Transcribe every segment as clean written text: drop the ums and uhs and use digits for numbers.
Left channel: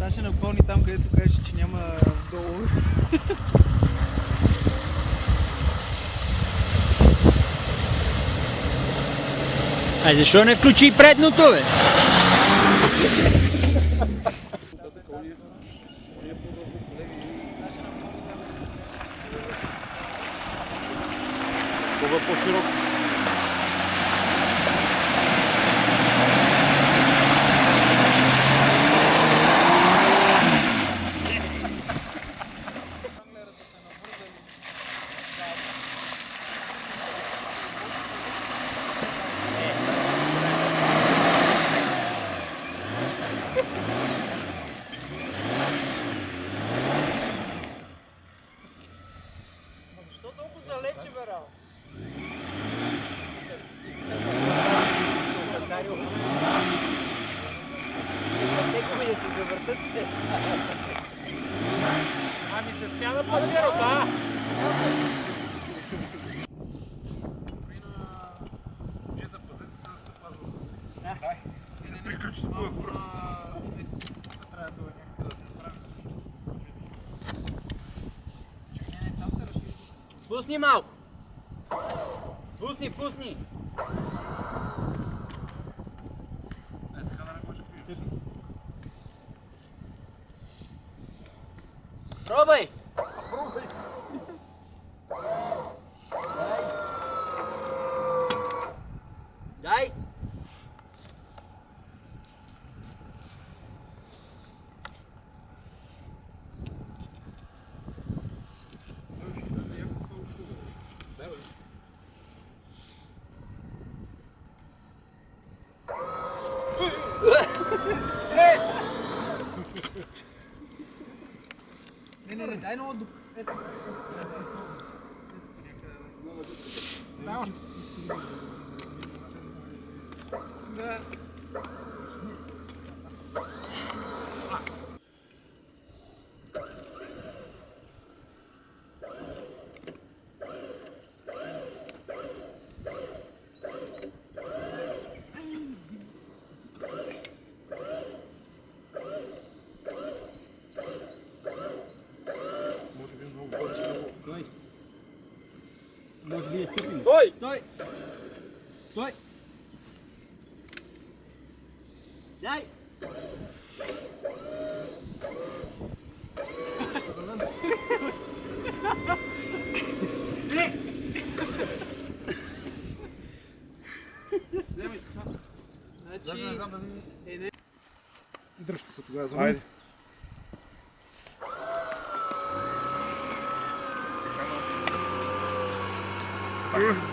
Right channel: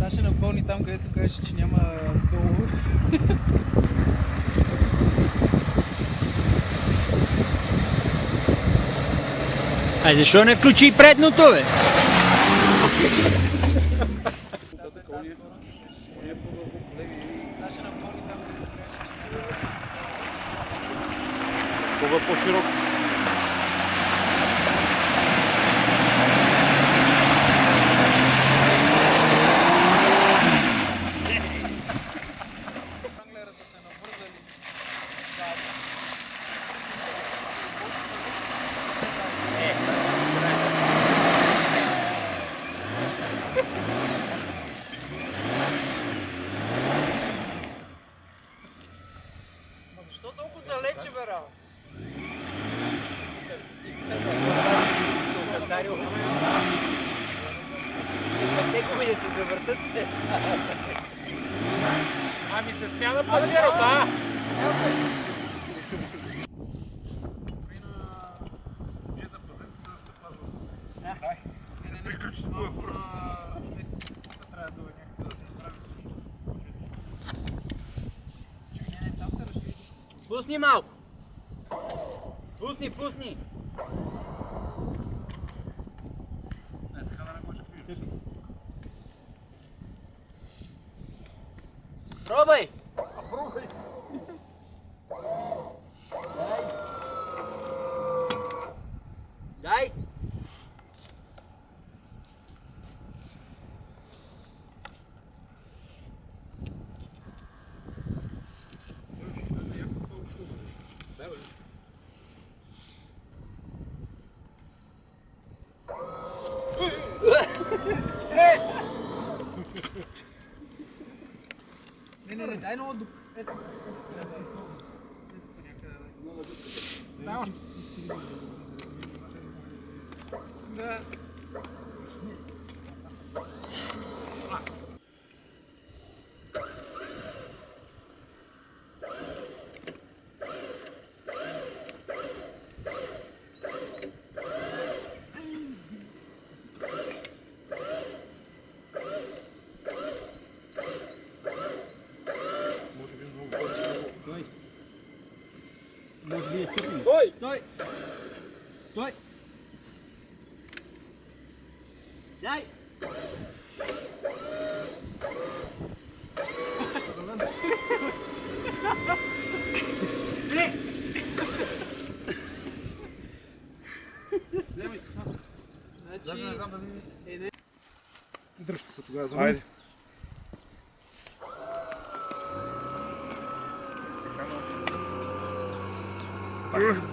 Сега ще напълни там, където кажеш, че няма долу. Защо не включи и предното, бе? Кога по-широк? Защо толкова далече, бе, Рао? Текови да се завъртат. Ами се смяна по-широк, а? Момчета, пазете се да сте пазват. Приключите по въпроса с... Трябва да някак да се справи също. Чакай, там се разшири. Пусни малко. Пусни, пусни. Така да не го чакай. Пробай. Дай. Не, дай много до... Ето. Дай още. Да. Може би е стъпим. Стой! Стой! Стой! Дай! Значи... Не знам дали... Дръжте се тогава за мен. Айде.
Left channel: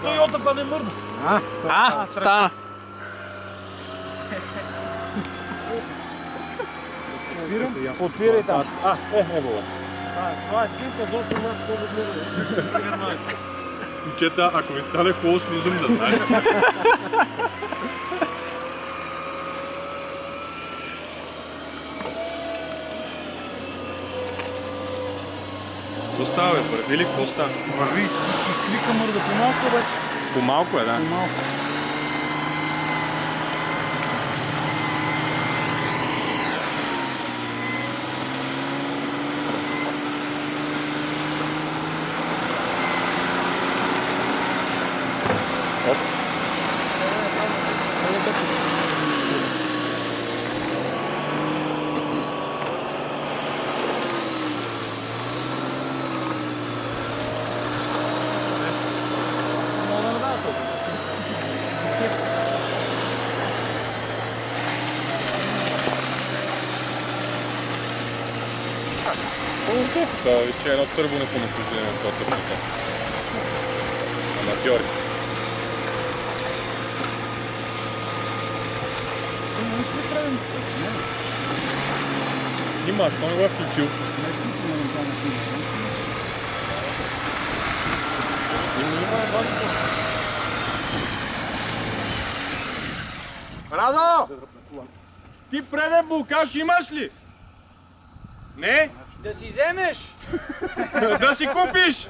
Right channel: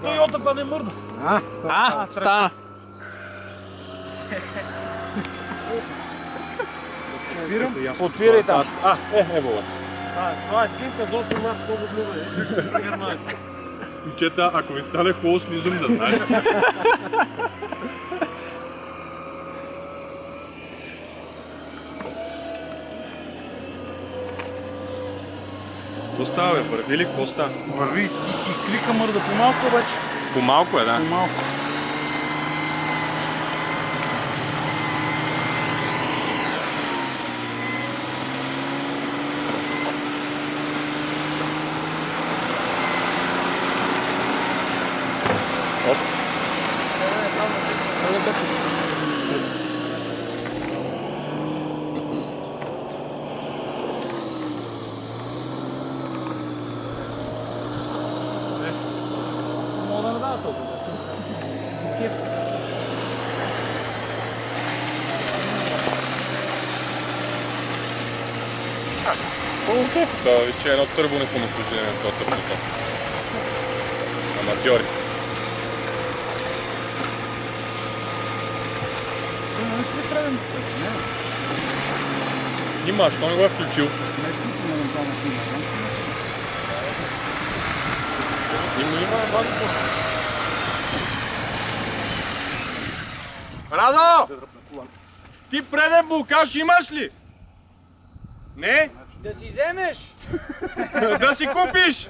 Тойотата не мърда. Стана! Отвирай там. Ево. Това е снимка за 8 марта, много добре. Момчета, ако ви стане хубаво, слизам да знаете. Какво става, бе? Върви ли? Какво става? Върви. И клика мърда по-малко, обаче. По-малко е, да. По-малко. Това вече едно търбо не съм освободен на това търбото. Аматьори. Нима, що не го е включил? Радо! Ти преден блокаж имаш ли? Не? Да си вземеш! Да си купиш!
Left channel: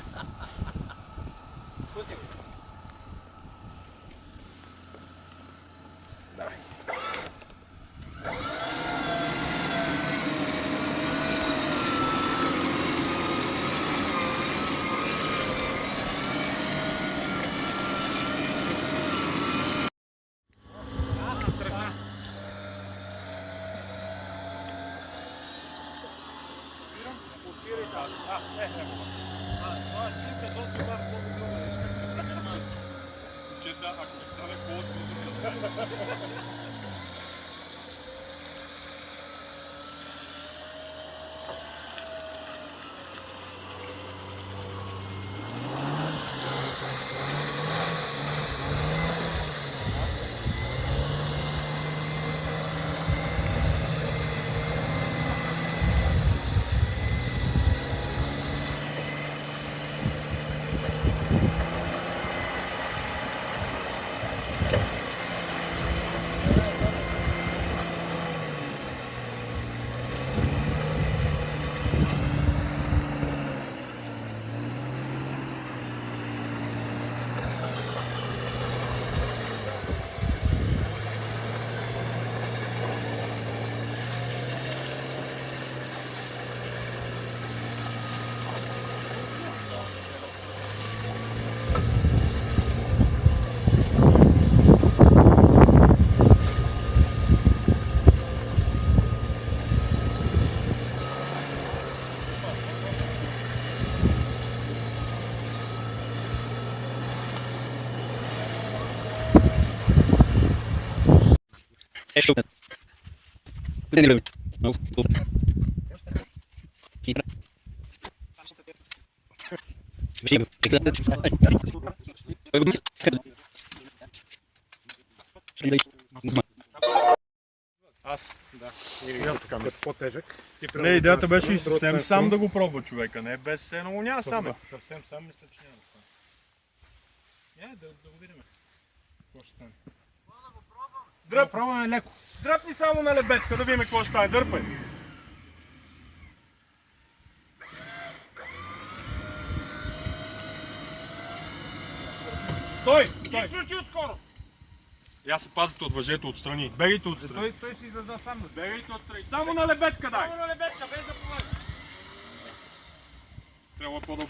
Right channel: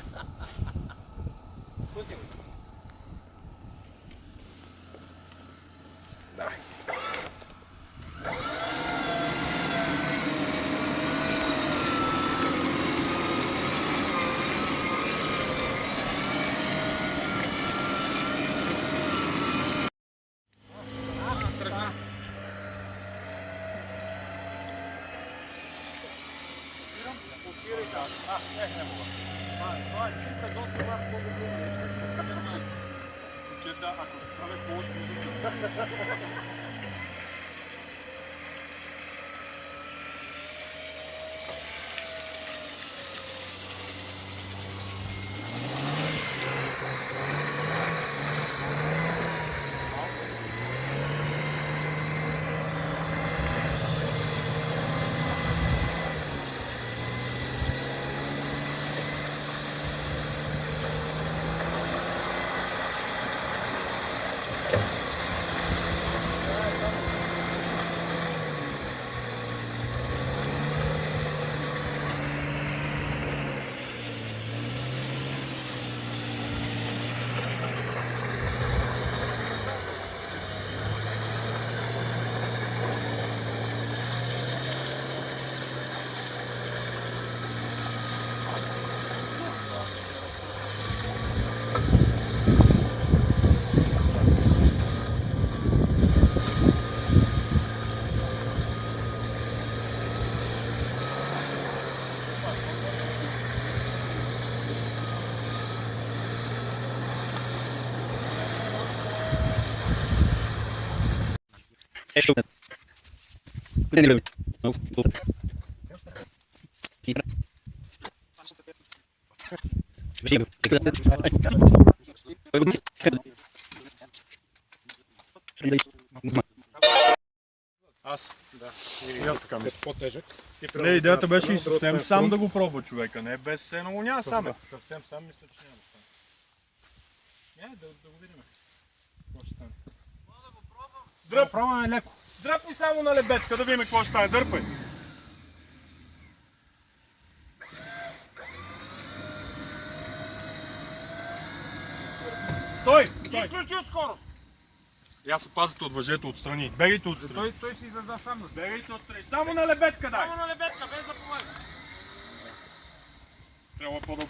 8 март много блюдо. Виж как се прегърмава. Чета, ако ви стане коло, ще изумя. Аз? Да. И аз така, без по-тежък. Не, идеята беше и съвсем сам да го пробва човека, не без едно няма сам. Съвсем сам мисля, че няма. Да го видим. Какво ще стане? Да го пробваме леко. Дръпни само на лебедка, да видим какво ще стане. Дърпай. Стой! Изключи отскоро! Аз пазите от въжето отстрани. Бегайте отстрани. Той си издаде сам. Бегайте отстрани. Само на лебедка дай! Само на лебедка, без да помагаш. Трябва по-добре.